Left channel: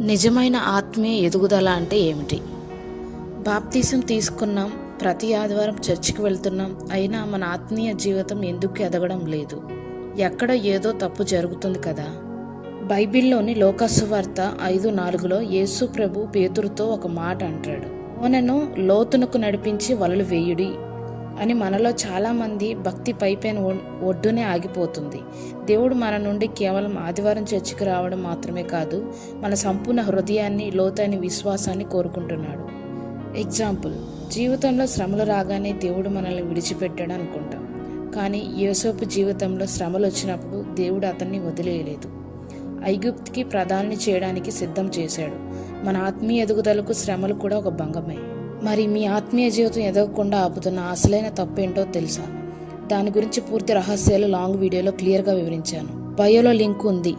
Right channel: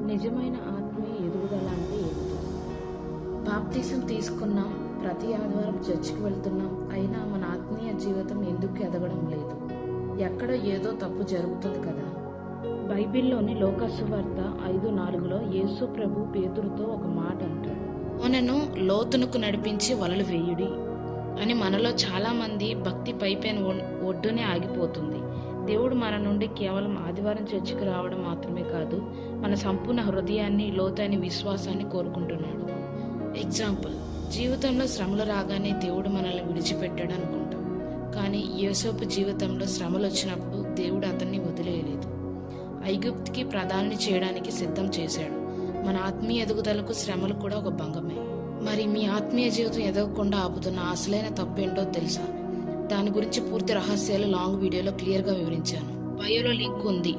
నిజమైన ఆత్మీయ ఎదుగుదల అంటే ఏమిటి? బాప్తీసం తీసుకున్నాం, ప్రతి ఆదివారం చర్చికి వెళ్తున్నాం, అయినా మన ఆత్మీయ జీవితం ఎందుకు ఎదగడం లేదు? ఎక్కడో ఏదో తప్పు జరుగుతుంది కదా. బైబిల్లోని లోకాసువార్త 5:4లో యేసు ప్రభు పేతురుతో ఒక మాట అంటాడు, ఓనను లోతునకు నడిపించి వలలు వేయుడి అని. మనలో చాలామంది భక్తి పైపైన ఒడ్డునే ఆగిపోతుంది. దేవుడు మన నుండి కేవలం ఆదివారం చర్చికి రావడం మాత్రమే కాదు, మన సంపూర్ణ హృదయాన్ని, లోతైన విశ్వాసాన్ని కోరుకుంటున్నాడు. ఎగ్జాంపుల్, జీవితంలో శ్రమలు రాగానే దేవుడు మనల్ని విడిచిపెట్టాడు అనుకుంటాం. కానీ యోసేపు జీవితంలో శ్రమలు వచ్చినప్పుడు దేవుడు అతన్ని వదిలేయలేదు. ఐగుప్తుకి ప్రధాని చేయడానికి సిద్ధం చేశాడు. మన ఆత్మీయ ఎదుగుదలకు శ్రమలు కూడా ఒక భంగమే. మరి మీ ఆత్మీయ జీవితం ఎదగకుండా ఆపుతున్న అసలైన తప్పేంటో తెలుసా? దాని గురించి పూర్తి రహస్యాలు లాంగ్ వీడియోలో క్లియర్గా వివరించాను. బయోలో లింక్ ఉంది.